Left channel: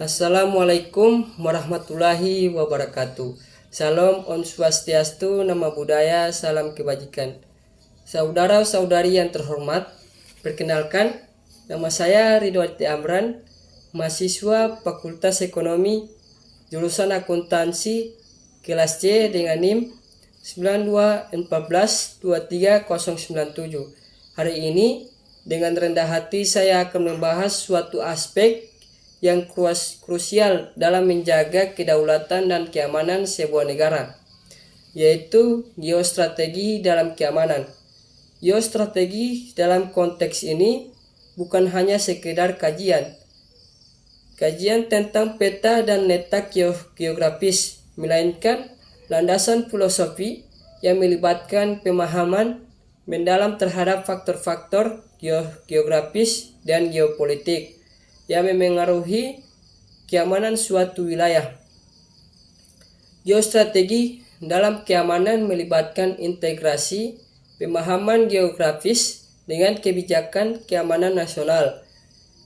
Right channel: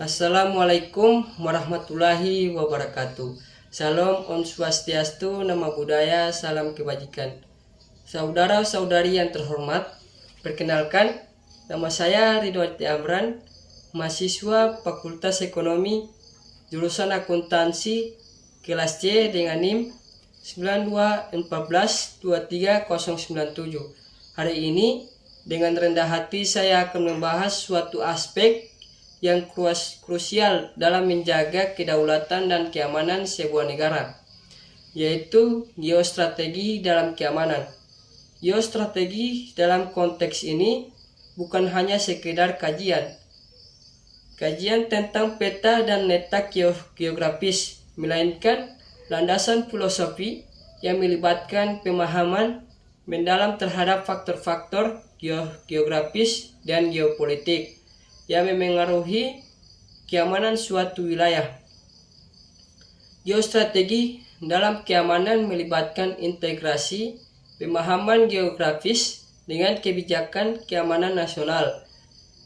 Assalamualaikum warahmatullahi wabarakatuh. Salam Om Swastiastu, Nama Budaya, Salam Kebajikan. Saudara-saudari yang terhormat, perkenalkan, nama saya Ridwan Amran, mahasiswa Fakultas Ekonomi, jurusan Akuntansi, kelas C dengan NIM 92142397. Hari ini, dengan rendah hati saya akan membahas suatu aspek yang krusial dalam menjaga kedaulatan dan keamanan sebuah negara, yaitu geostrategi dalam keamanan. Geostrategi dalam konteks ini bukan hanya sekedar kajian tentang peta dan letak geografis, melainkan landasan filosofi yang melibatkan pemahaman mendalam terhadap faktor-faktor geografis dan geopolitik yang memengaruhi keamanan suatu wilayah. Geostrategi dalam keamanan melibatkan integrasi pemahaman geografis dengan kebijakan keamanan nasional.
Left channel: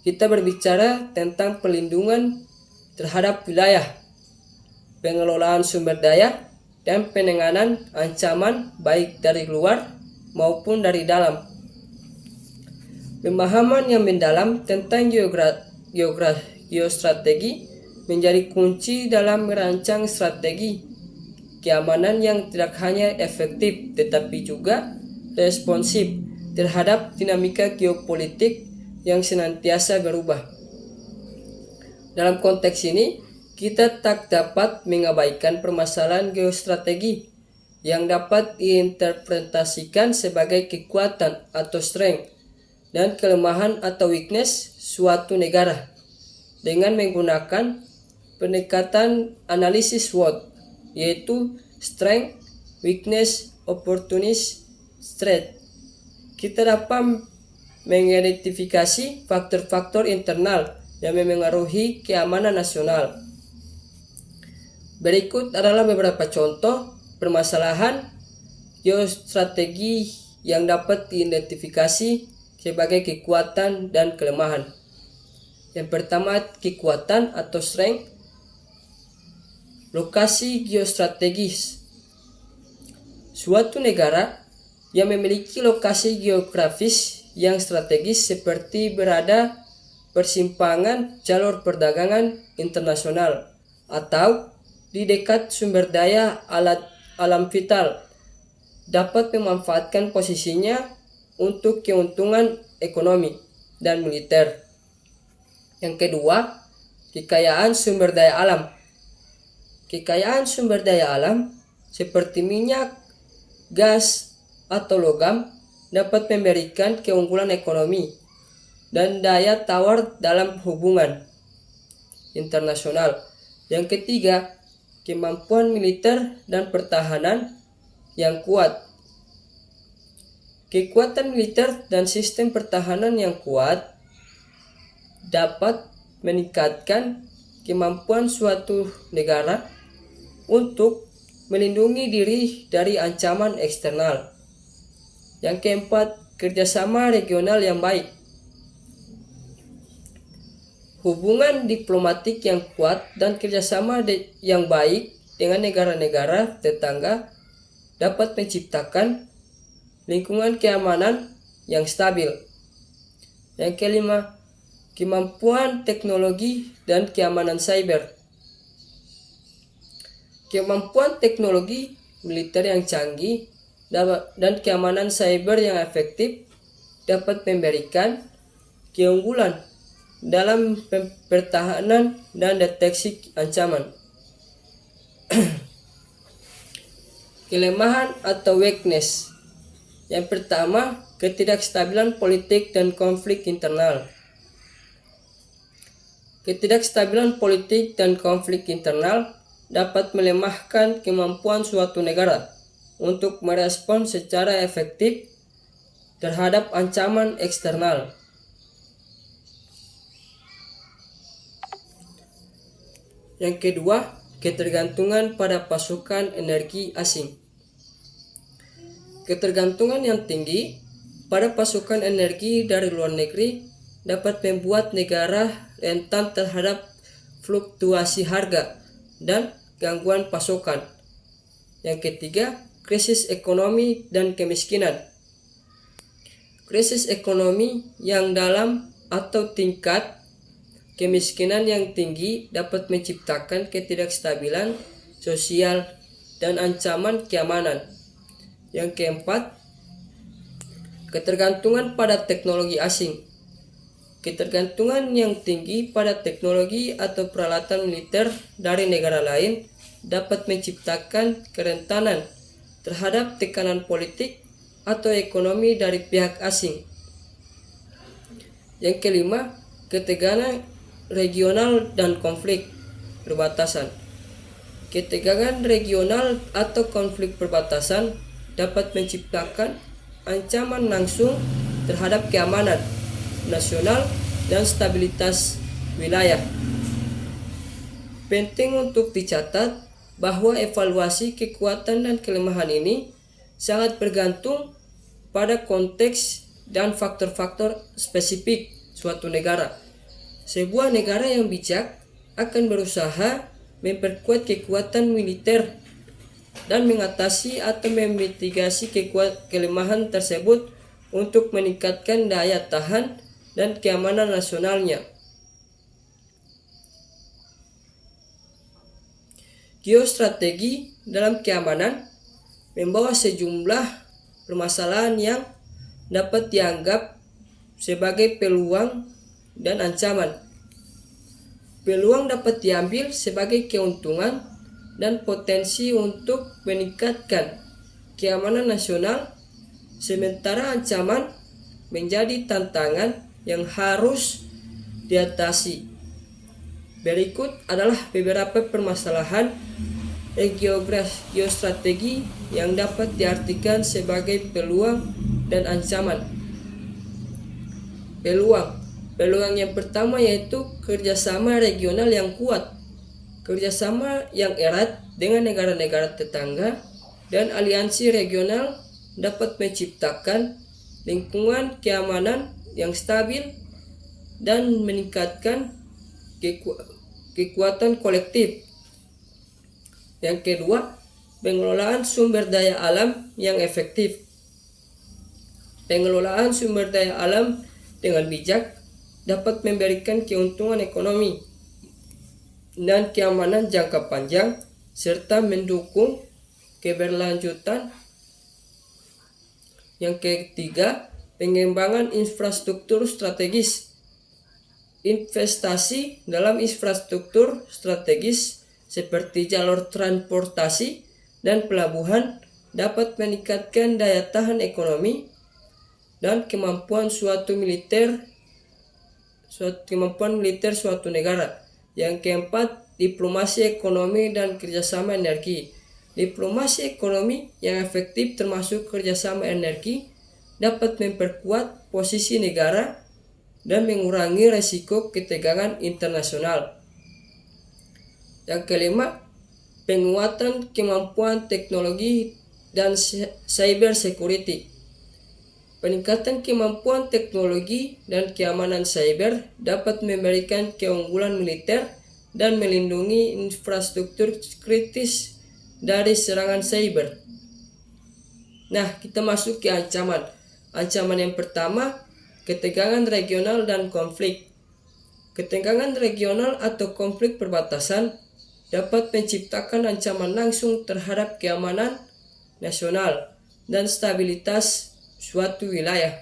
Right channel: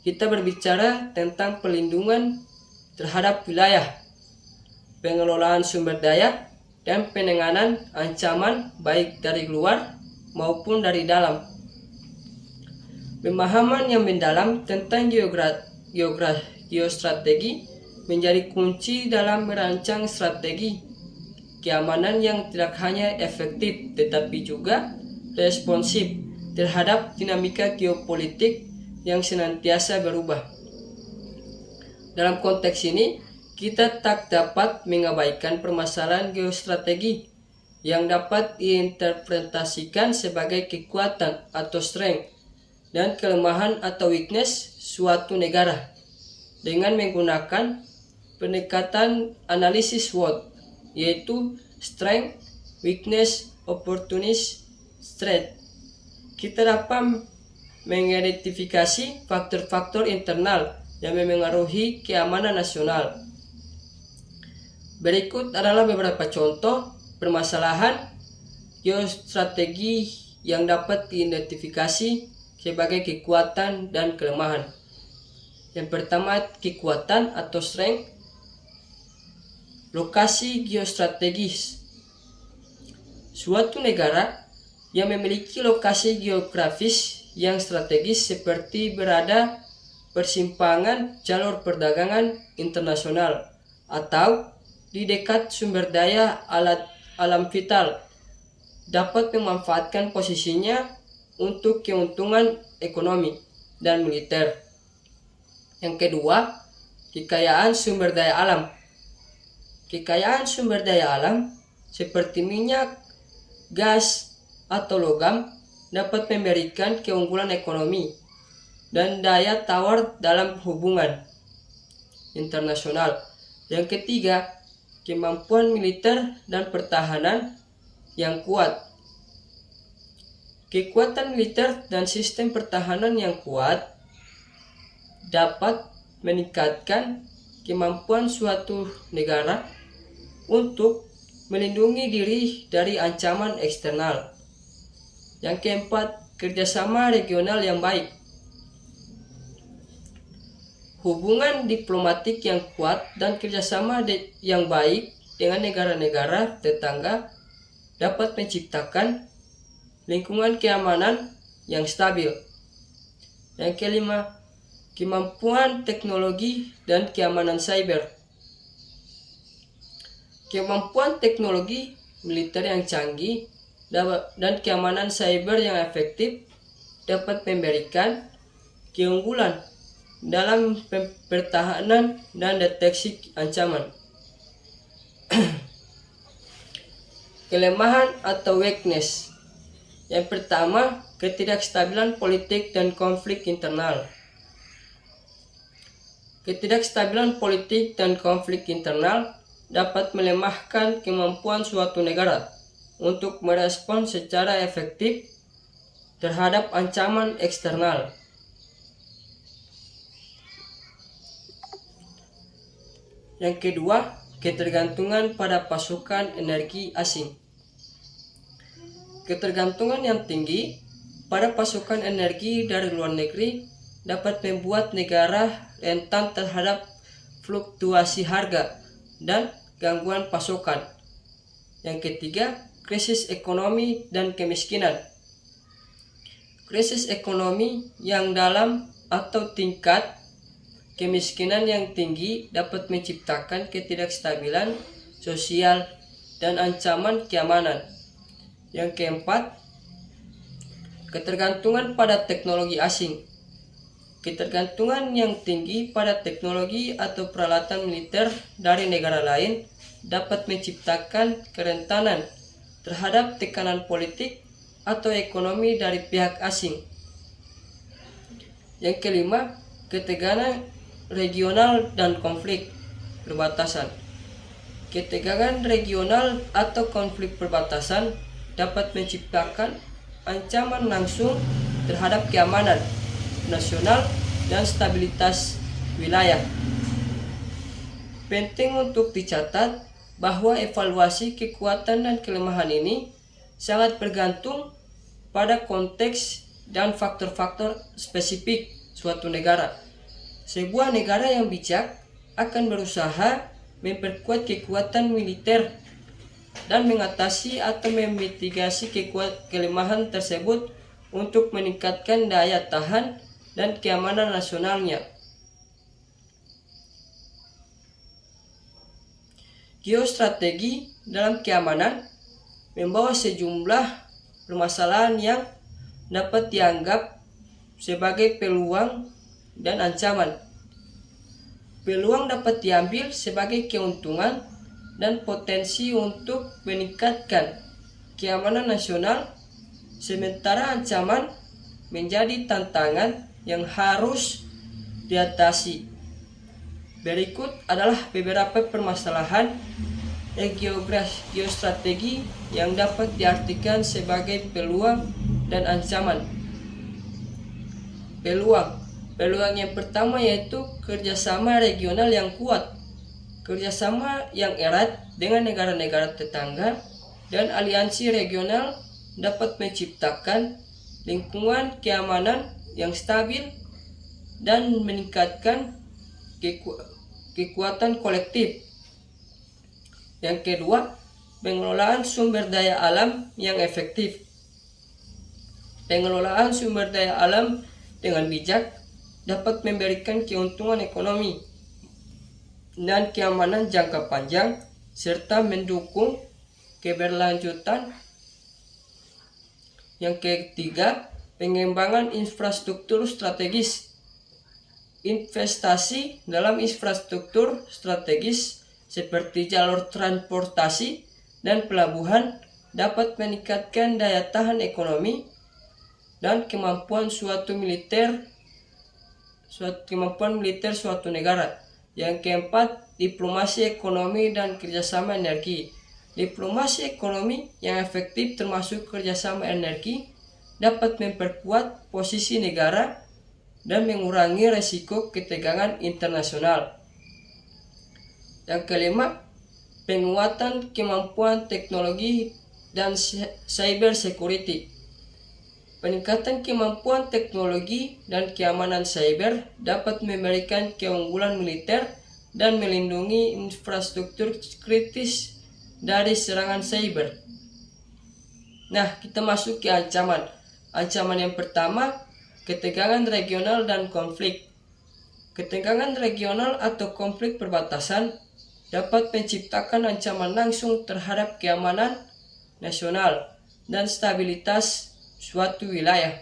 Kita berbicara tentang pelindungan terhadap wilayah, pengelolaan sumber daya, dan penanganan ancaman baik dari luar maupun dari dalam. Pemahaman yang mendalam tentang geostrategi menjadi kunci dalam merancang strategi keamanan yang tidak hanya efektif tetapi juga responsif terhadap dinamika geopolitik yang senantiasa berubah. Dalam konteks ini, kita tak dapat mengabaikan permasalahan geostrategi yang dapat diinterpretasikan sebagai kekuatan atau strength dan kelemahan atau weakness suatu negara dengan menggunakan pendekatan analisis SWOT, yaitu strength, weakness, opportunity, threat. Kita dapat mengidentifikasi faktor-faktor internal yang memengaruhi keamanan nasional. Berikut adalah beberapa contoh permasalahan geostrategi yang dapat diidentifikasi sebagai kekuatan dan kelemahan. Yang pertama, kekuatan atau strength. Lokasi geostrategis. Suatu negara yang memiliki lokasi geografis yang strategis seperti berada persimpangan jalur perdagangan internasional atau di dekat sumber daya alam vital dapat memanfaatkan posisinya untuk keuntungan ekonomi dan militer. Yang kedua, kekayaan sumber daya alam. Kekayaan sumber daya alam seperti minyak, gas, atau logam dapat memberikan keunggulan ekonomi dan daya tawar dalam hubungan internasional. Yang ketiga, kemampuan militer dan pertahanan yang kuat. Kekuatan militer dan sistem pertahanan yang kuat dapat meningkatkan kemampuan suatu negara untuk melindungi diri dari ancaman eksternal. Yang keempat, kerjasama regional yang baik. Hubungan diplomatik yang kuat dan kerjasama yang baik dengan negara-negara tetangga dapat menciptakan lingkungan keamanan yang stabil. Yang kelima, kemampuan teknologi dan keamanan cyber. Kemampuan teknologi militer yang canggih dan keamanan cyber yang efektif dapat memberikan keunggulan dalam pertahanan dan deteksi ancaman. Kelemahan atau weakness. Yang pertama, ketidakstabilan politik dan konflik internal. Ketidakstabilan politik dan konflik internal dapat melemahkan kemampuan suatu negara untuk merespons secara efektif terhadap ancaman eksternal. Yang kedua, ketergantungan pada pasokan energi asing. Ketergantungan yang tinggi pada pasokan energi dari luar negeri dapat membuat negara rentan terhadap fluktuasi harga dan gangguan pasokan. Yang ketiga, krisis ekonomi dan kemiskinan. Krisis ekonomi yang dalam atau tingkat kemiskinan yang tinggi dapat menciptakan ketidakstabilan sosial dan ancaman keamanan. Yang keempat, ketergantungan pada teknologi asing. Ketergantungan yang tinggi pada teknologi atau peralatan militer dari negara lain dapat menciptakan kerentanan terhadap tekanan politik atau ekonomi dari pihak asing. Yang kelima, ketegangan regional dan konflik perbatasan. Ketegangan regional atau konflik perbatasan dapat menciptakan ancaman langsung terhadap keamanan nasional dan stabilitas wilayah. Penting untuk dicatat bahwa evaluasi kekuatan dan kelemahan ini sangat bergantung pada konteks dan faktor-faktor spesifik suatu negara. Sebuah negara yang bijak akan berusaha memperkuat kekuatan militer dan mengatasi atau memitigasi kelemahan tersebut untuk meningkatkan daya tahan dan keamanan nasionalnya. Geostrategi dalam keamanan membawa sejumlah permasalahan yang dapat dianggap sebagai peluang dan ancaman. Peluang dapat diambil sebagai keuntungan dan potensi untuk meningkatkan keamanan nasional, sementara ancaman menjadi tantangan yang harus diatasi. Berikut adalah beberapa permasalahan geostrategi yang dapat diartikan sebagai peluang dan ancaman. Peluang yang pertama yaitu kerjasama regional yang kuat. Kerjasama yang erat dengan negara-negara tetangga dan aliansi regional dapat menciptakan lingkungan keamanan yang stabil dan meningkatkan kekuatan kolektif. Yang kedua, pengelolaan sumber daya alam yang efektif. Pengelolaan sumber daya alam dengan bijak dapat memberikan keuntungan ekonomi dan keamanan jangka panjang serta mendukung keberlanjutan. Yang ketiga, pengembangan infrastruktur strategis. Investasi dalam infrastruktur strategis seperti jalur transportasi dan pelabuhan dapat meningkatkan daya tahan ekonomi dan kemampuan militer suatu negara. Yang keempat, diplomasi ekonomi dan kerjasama energi. Diplomasi ekonomi yang efektif termasuk kerjasama energi dapat memperkuat posisi negara dan mengurangi risiko ketegangan internasional. Yang kelima, penguatan kemampuan teknologi dan cyber security. Peningkatan kemampuan teknologi dan keamanan cyber dapat memberikan keunggulan militer dan melindungi infrastruktur kritis dari serangan cyber. Nah, kita masuk ke ancaman. Ancaman yang pertama, ketegangan regional dan konflik. Ketegangan regional atau konflik perbatasan dapat menciptakan ancaman langsung terhadap keamanan nasional dan stabilitas suatu wilayah.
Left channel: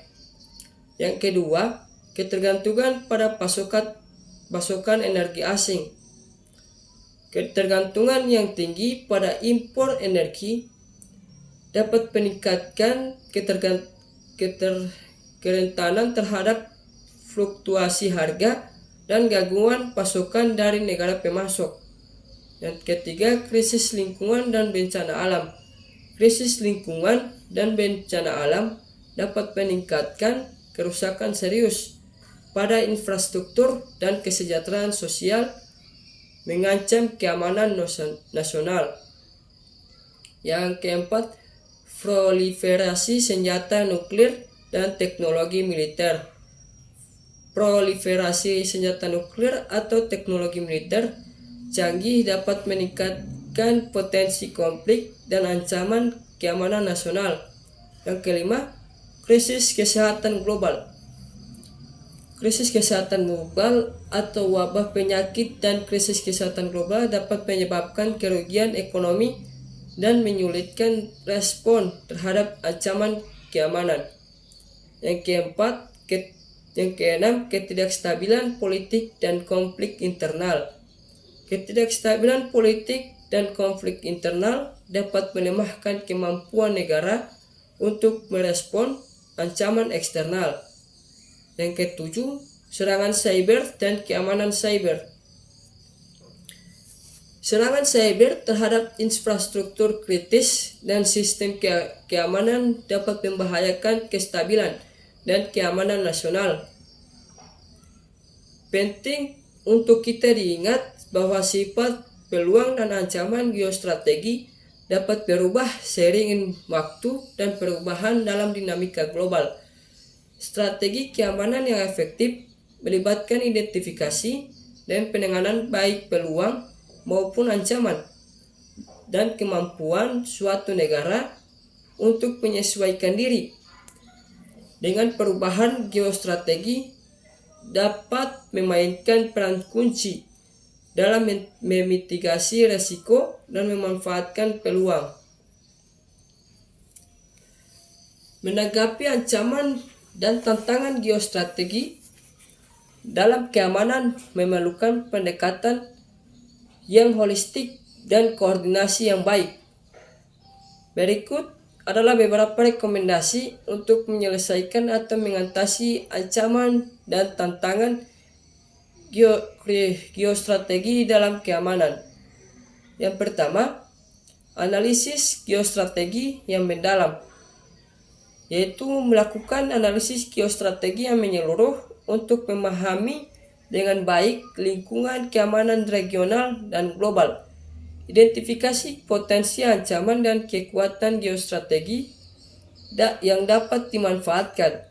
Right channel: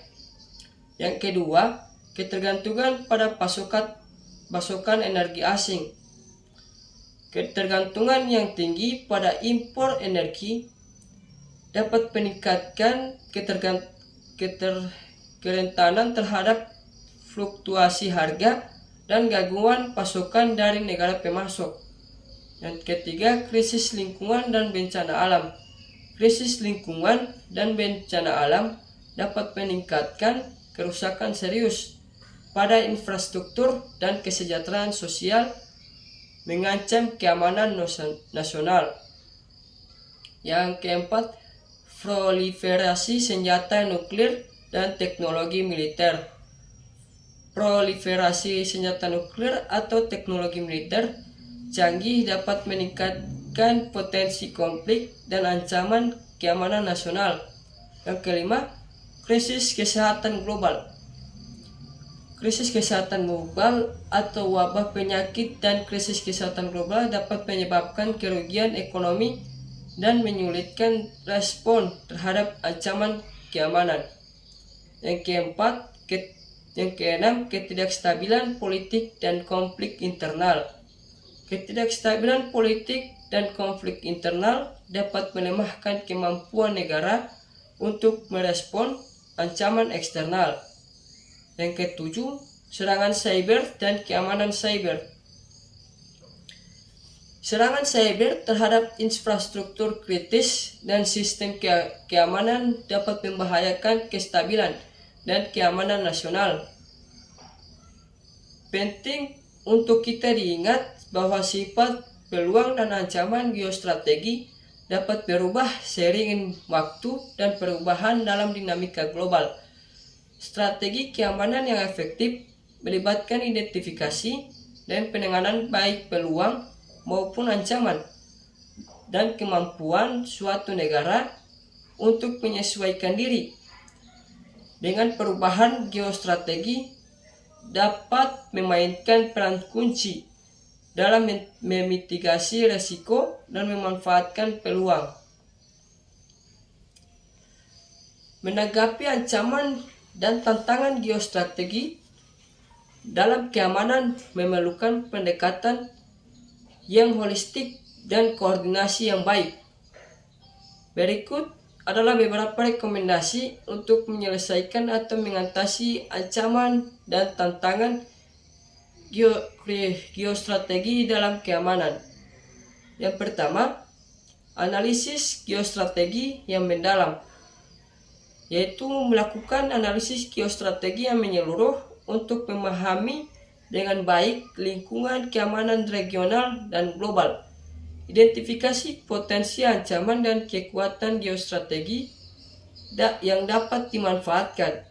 Yang kedua, ketergantungan pada pasokan energi asing. Ketergantungan yang tinggi pada impor energi dapat meningkatkan kerentanan terhadap fluktuasi harga dan gangguan pasokan dari negara pemasok. Yang ketiga, krisis lingkungan dan bencana alam. Krisis lingkungan dan bencana alam dapat meningkatkan kerusakan serius pada infrastruktur dan kesejahteraan sosial, mengancam keamanan nasional. Yang keempat, proliferasi senjata nuklir dan teknologi militer. proliferasi senjata nuklir atau teknologi militer canggih dapat meningkatkan potensi konflik dan ancaman keamanan nasional. Yang kelima, krisis kesehatan global. Krisis kesehatan global atau wabah penyakit dan krisis kesehatan global dapat menyebabkan kerugian ekonomi dan menyulitkan respon terhadap ancaman keamanan. Yang keenam, ketidakstabilan politik dan konflik internal. Ketidakstabilan politik dan konflik internal dapat melemahkan kemampuan negara untuk merespon ancaman eksternal. Yang ketujuh, serangan cyber dan keamanan cyber. Serangan cyber terhadap infrastruktur kritis dan sistem keamanan dapat membahayakan kestabilan dan keamanan nasional. Penting untuk kita diingat bahwa sifat, peluang, dan ancaman geostrategi dapat berubah seiring waktu dan perubahan dalam dinamika global. Strategi keamanan yang efektif melibatkan identifikasi dan penanganan baik peluang maupun ancaman dan kemampuan suatu negara untuk menyesuaikan diri dengan perubahan geostrategi dapat memainkan peran kunci dalam memitigasi resiko dan memanfaatkan peluang. Menanggapi ancaman dan tantangan geostrategi dalam keamanan memerlukan pendekatan yang holistik dan koordinasi yang baik. Berikut adalah beberapa rekomendasi untuk menyelesaikan atau mengatasi ancaman dan tantangan geostrategi dalam keamanan. Yang pertama, analisis geostrategi yang mendalam, yaitu melakukan analisis geostrategi yang menyeluruh untuk memahami dengan baik lingkungan keamanan regional dan global. Identifikasi potensi ancaman dan kekuatan geostrategi yang dapat dimanfaatkan.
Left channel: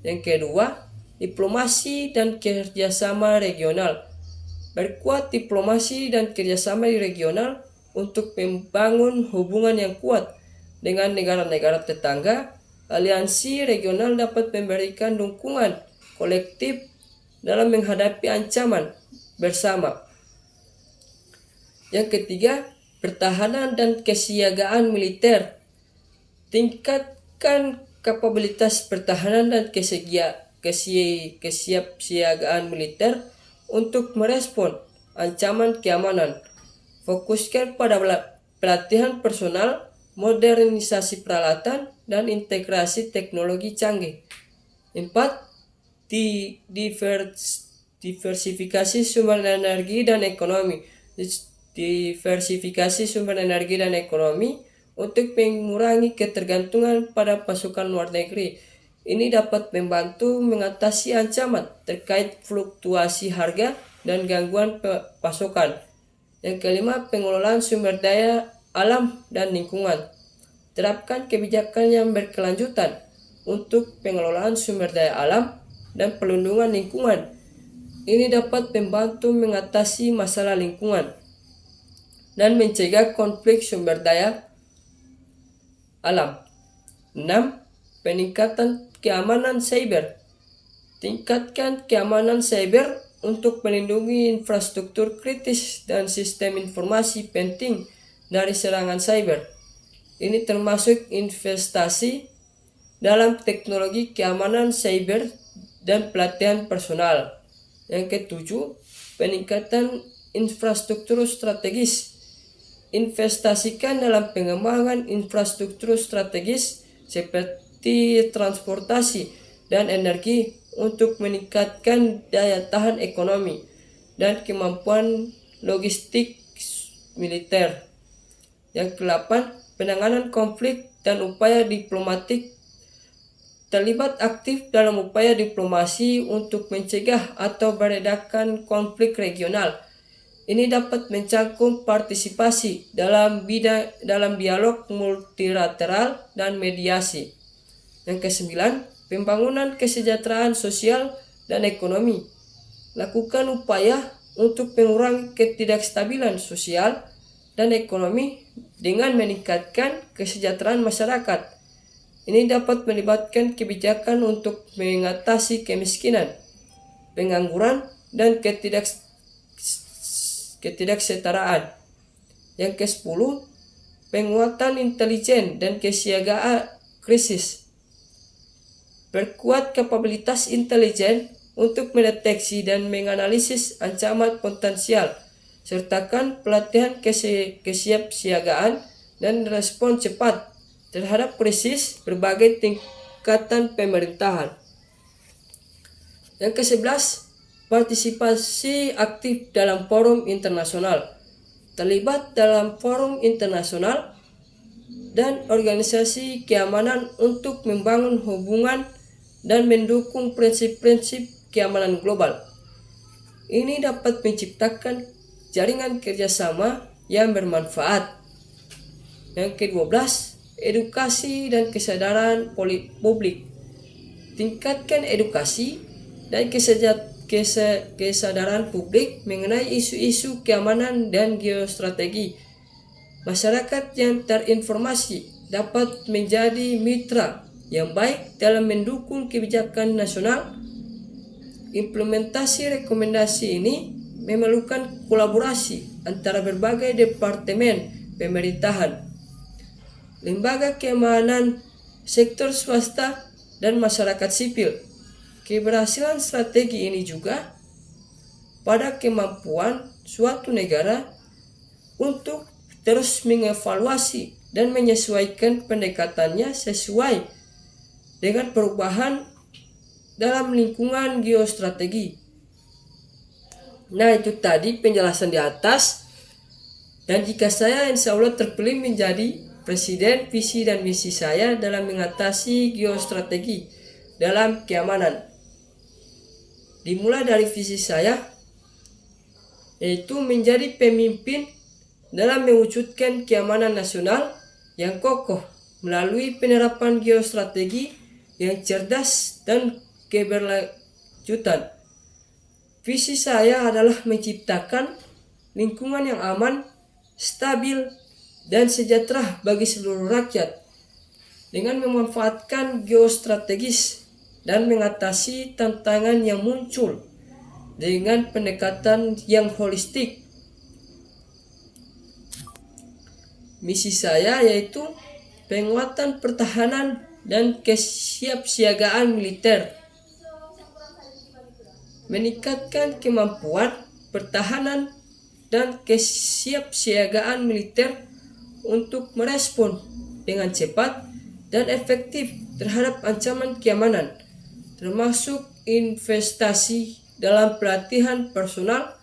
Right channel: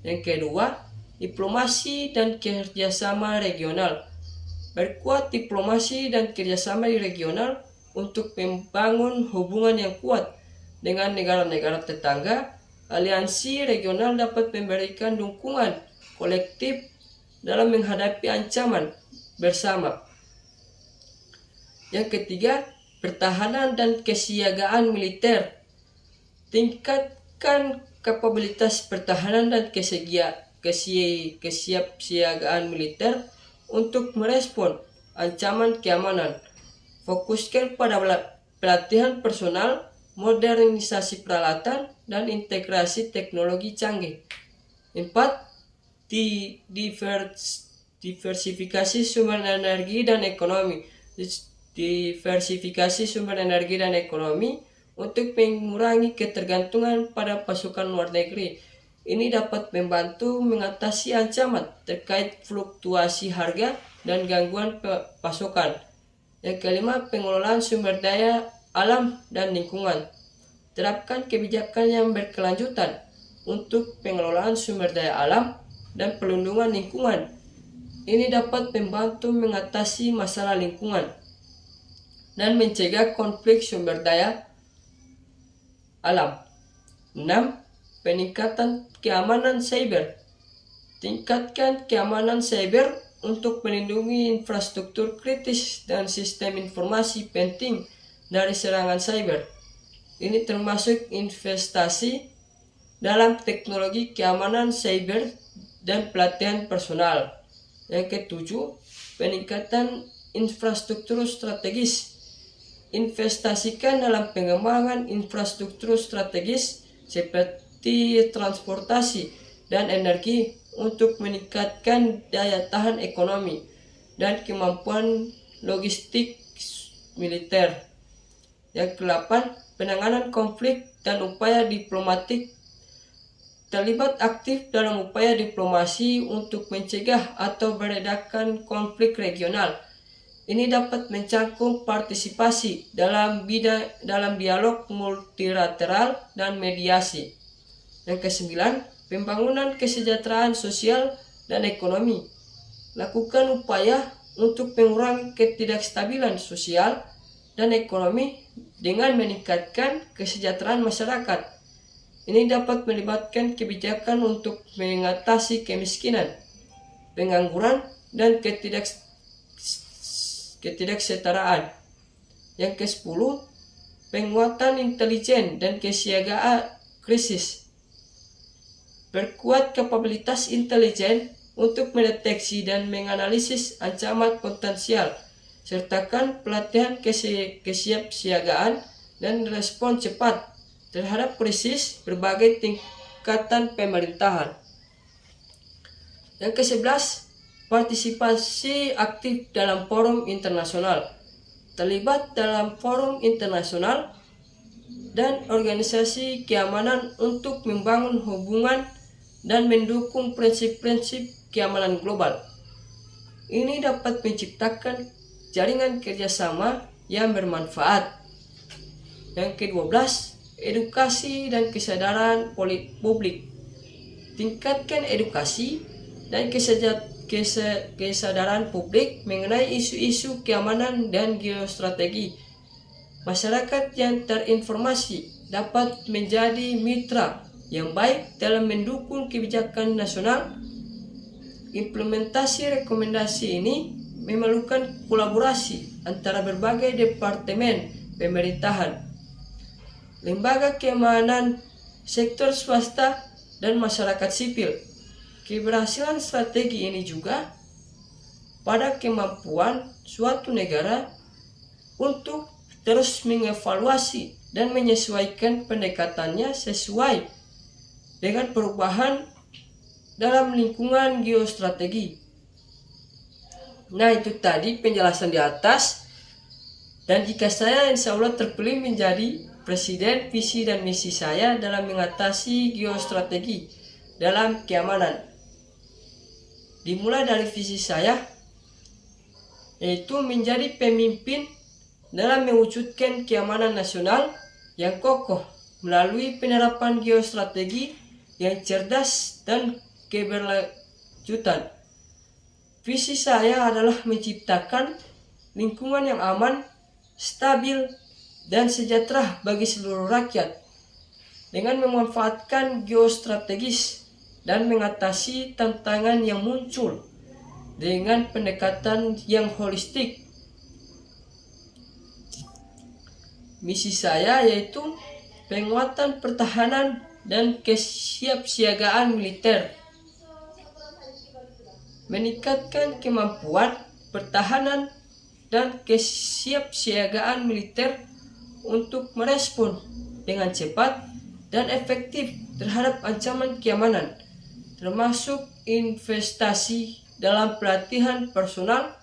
Yang kedua, diplomasi dan kerjasama regional. Berkuat diplomasi dan kerjasama regional untuk membangun hubungan yang kuat dengan negara-negara tetangga. Aliansi regional dapat memberikan dukungan kolektif dalam menghadapi ancaman bersama. Yang ketiga, pertahanan dan kesiagaan militer. Tingkatkan kapabilitas pertahanan dan kesiapsiagaan militer untuk merespon ancaman keamanan. Fokuskan pada pelatihan personal, modernisasi peralatan, dan integrasi teknologi canggih. 4. Diversifikasi sumber energi dan ekonomi. Diversifikasi sumber energi dan ekonomi untuk mengurangi ketergantungan pada pasokan luar negeri. Ini dapat membantu mengatasi ancaman terkait fluktuasi harga dan gangguan pasokan. Yang kelima, pengelolaan sumber daya alam dan lingkungan. Terapkan kebijakan yang berkelanjutan untuk pengelolaan sumber daya alam dan perlindungan lingkungan. Ini dapat membantu mengatasi masalah lingkungan dan mencegah konflik sumber daya alam. 6. Peningkatan keamanan cyber. Tingkatkan keamanan cyber untuk melindungi infrastruktur kritis dan sistem informasi penting dari serangan cyber. Ini termasuk investasi dalam teknologi keamanan cyber dan pelatihan personal. Yang ketujuh, peningkatan infrastruktur strategis. Investasikan dalam pengembangan infrastruktur strategis seperti transportasi dan energi untuk meningkatkan daya tahan ekonomi dan kemampuan logistik militer. Yang kedelapan, penanganan konflik dan upaya diplomatik. Terlibat aktif dalam upaya diplomasi untuk mencegah atau meredakan konflik regional. Ini dapat mencakup partisipasi dalam dialog multilateral dan mediasi. Yang kesembilan, pembangunan kesejahteraan sosial dan ekonomi. Lakukan upaya untuk mengurangi ketidakstabilan sosial dan ekonomi dengan meningkatkan kesejahteraan masyarakat. Ini dapat melibatkan kebijakan untuk mengatasi kemiskinan, pengangguran, dan ketidaksetaraan. Yang ke-10, penguatan intelijen dan kesiagaan krisis. Perkuat kapabilitas intelijen untuk mendeteksi dan menganalisis ancaman potensial, sertakan pelatihan kesiapsiagaan dan respon cepat terhadap krisis berbagai tingkatan pemerintahan. Yang ke-11, partisipasi aktif dalam forum internasional. Terlibat dalam forum internasional dan organisasi keamanan untuk membangun hubungan dan mendukung prinsip-prinsip keamanan global. Ini dapat menciptakan jaringan kerjasama yang bermanfaat. Yang ke-12, edukasi dan kesadaran publik. Tingkatkan edukasi dan kesadaran publik mengenai isu-isu keamanan dan geostrategi. Masyarakat yang terinformasi dapat menjadi mitra yang baik dalam mendukung kebijakan nasional. Implementasi rekomendasi ini memerlukan kolaborasi antara berbagai departemen pemerintahan, lembaga keamanan, sektor swasta, dan masyarakat sipil. Keberhasilan strategi ini juga pada kemampuan suatu negara untuk terus mengevaluasi dan menyesuaikan pendekatannya sesuai dengan perubahan dalam lingkungan geostrategi. Nah, itu tadi penjelasan di atas. Dan jika saya insya Allah terpilih menjadi presiden, visi dan misi saya dalam mengatasi geostrategi dalam keamanan. Dimulai dari visi saya, yaitu menjadi pemimpin dalam mewujudkan keamanan nasional yang kokoh melalui penerapan geostrategi yang cerdas dan keberlanjutan. Visi saya adalah menciptakan lingkungan yang aman, stabil, dan sejahtera bagi seluruh rakyat dengan memanfaatkan geostrategis dan mengatasi tantangan yang muncul dengan pendekatan yang holistik. Misi saya yaitu penguatan pertahanan dan kesiapsiagaan militer, meningkatkan kemampuan pertahanan dan kesiapsiagaan militer untuk merespon dengan cepat dan efektif terhadap ancaman keamanan, termasuk investasi dalam pelatihan personal,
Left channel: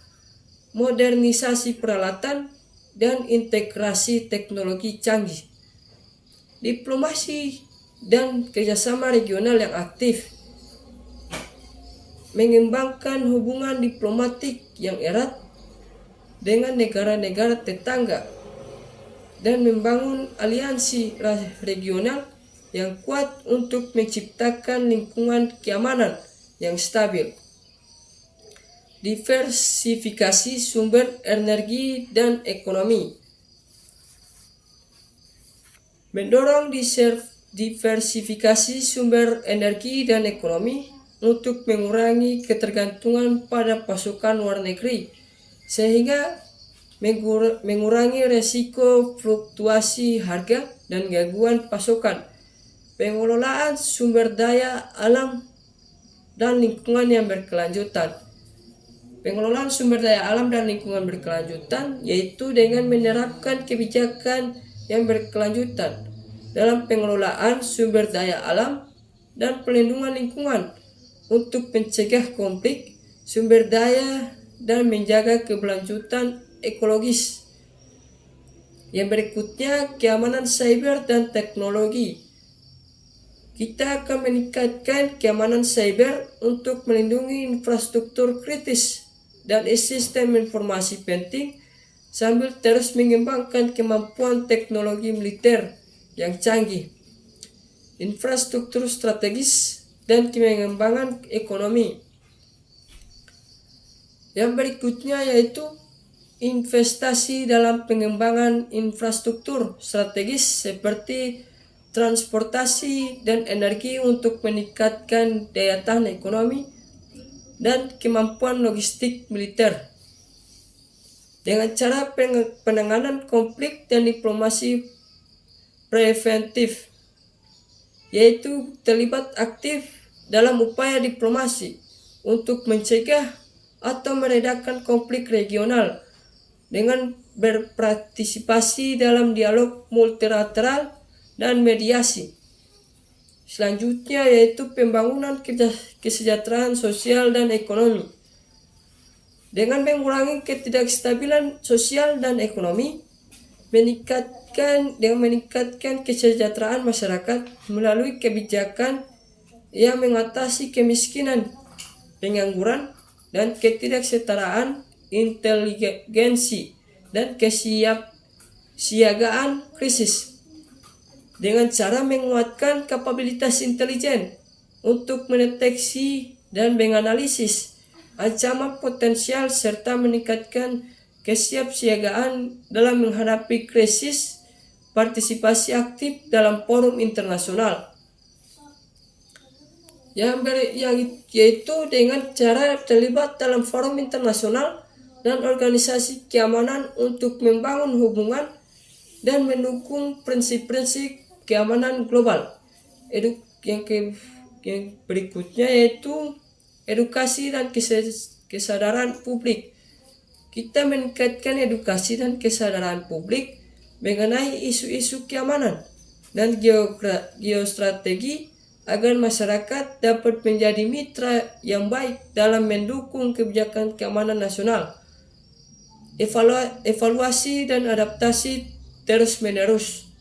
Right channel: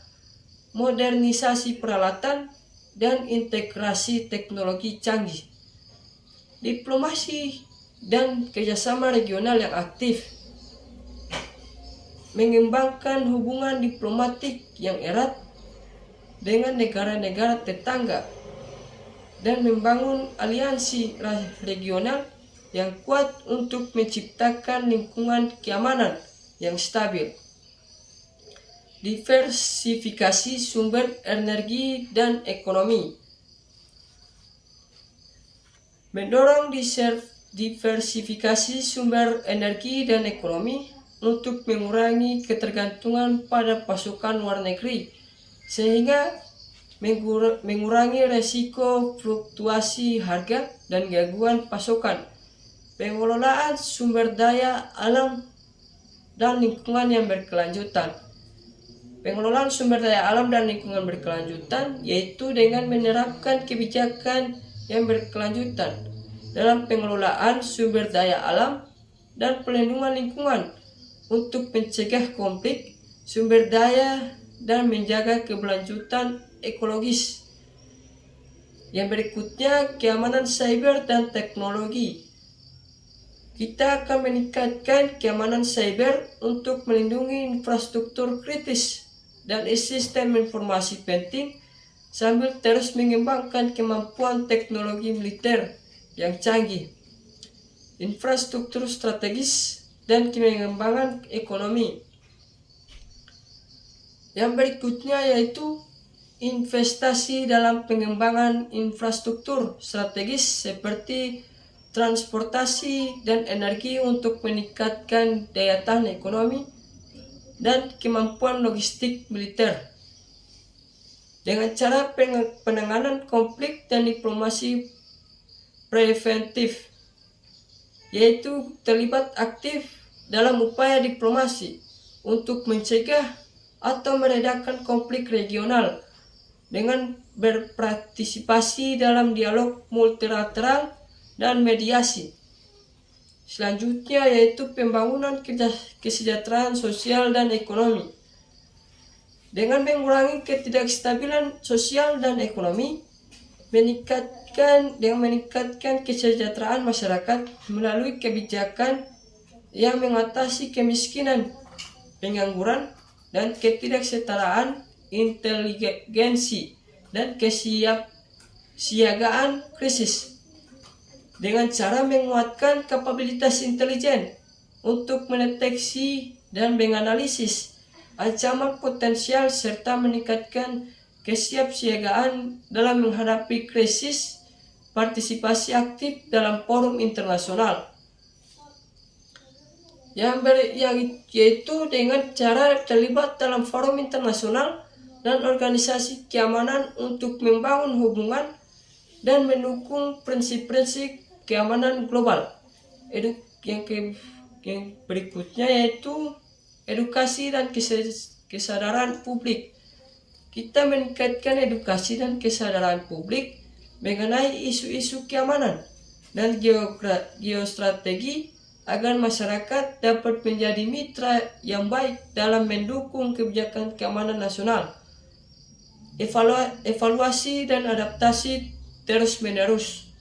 modernisasi peralatan, dan integrasi teknologi canggih. Diplomasi dan kerjasama regional yang aktif, mengembangkan hubungan diplomatik yang erat dengan negara-negara tetangga, dan membangun aliansi regional yang kuat untuk menciptakan lingkungan keamanan yang stabil. Diversifikasi sumber energi dan ekonomi. Mendorong diversifikasi sumber energi dan ekonomi untuk mengurangi ketergantungan pada pasokan luar negeri, sehingga mengurangi resiko fluktuasi harga dan gangguan pasokan. Pengelolaan sumber daya alam dan lingkungan yang berkelanjutan. Pengelolaan sumber daya alam dan lingkungan berkelanjutan yaitu dengan menerapkan kebijakan yang berkelanjutan dalam pengelolaan sumber daya alam dan pelindungan lingkungan untuk mencegah konflik sumber daya dan menjaga keberlanjutan ekologis. Yang berikutnya, keamanan cyber dan teknologi. Kita akan meningkatkan keamanan cyber untuk melindungi infrastruktur kritis dan sistem informasi penting sambil terus mengembangkan kemampuan teknologi militer yang canggih, infrastruktur strategis, dan pengembangan ekonomi. Yang berikutnya yaitu investasi dalam pengembangan infrastruktur strategis seperti transportasi dan energi untuk meningkatkan daya tahan ekonomi dan kemampuan logistik militer. Dengan cara penanganan konflik dan diplomasi preventif, yaitu terlibat aktif dalam upaya diplomasi untuk mencegah atau meredakan konflik regional dengan berpartisipasi dalam dialog multilateral dan mediasi. Selanjutnya yaitu pembangunan kesejahteraan sosial dan ekonomi. Dengan mengurangi ketidakstabilan sosial dan ekonomi, meningkatkan kesejahteraan masyarakat melalui kebijakan yang mengatasi kemiskinan, pengangguran, dan ketidaksetaraan, inteligensi, dan kesiapsiagaan krisis. Dengan cara menguatkan kapabilitas intelijen untuk mendeteksi dan menganalisis ancaman potensial serta meningkatkan kesiapsiagaan dalam menghadapi krisis, partisipasi aktif dalam forum internasional. Yaitu dengan cara terlibat dalam forum internasional dan organisasi keamanan untuk membangun hubungan dan mendukung prinsip-prinsip keamanan global. Yang berikutnya yaitu edukasi dan kesadaran publik. Kita meningkatkan edukasi dan kesadaran publik mengenai isu-isu keamanan dan geostrategi agar masyarakat dapat menjadi mitra yang baik dalam mendukung kebijakan keamanan nasional. Evaluasi dan adaptasi terus-menerus.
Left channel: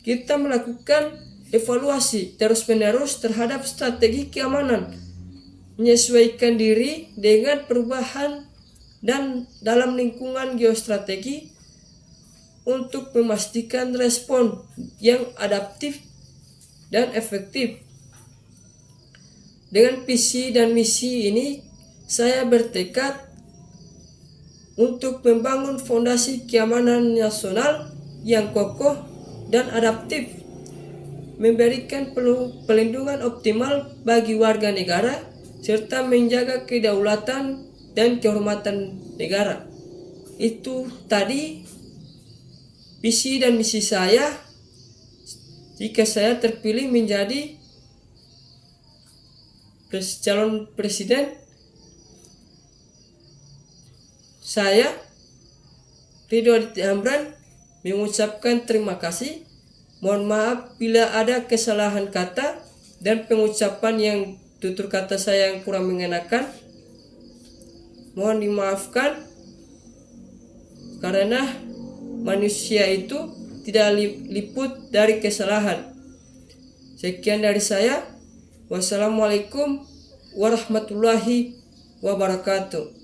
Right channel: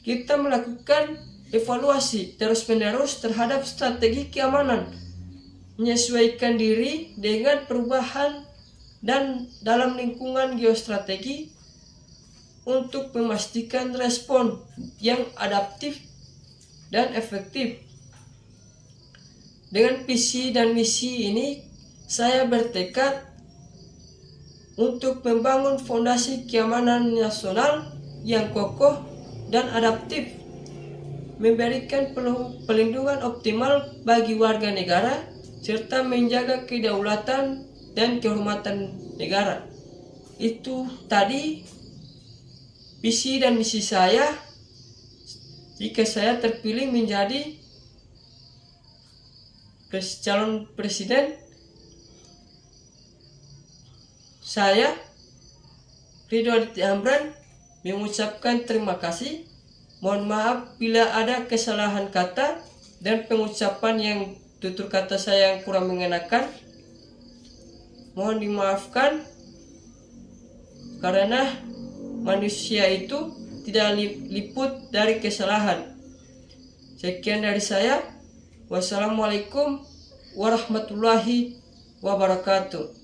Kita melakukan evaluasi terus-menerus terhadap strategi keamanan, menyesuaikan diri dengan perubahan dan dalam lingkungan geostrategi untuk memastikan respon yang adaptif dan efektif. Dengan visi dan misi ini, saya bertekad untuk membangun fondasi keamanan nasional yang kokoh dan adaptif, memberikan pelindungan optimal bagi warga negara, serta menjaga kedaulatan dan kehormatan negara. Itu tadi visi dan misi saya jika saya terpilih menjadi calon presiden. Saya, Ridho Aditya Amran, mengucapkan terima kasih. Mohon maaf bila ada kesalahan kata dan pengucapan yang tutur kata saya yang kurang mengenakan. Mohon dimaafkan karena manusia itu tidak liput dari kesalahan. Sekian dari saya. Wassalamualaikum warahmatullahi wabarakatuh.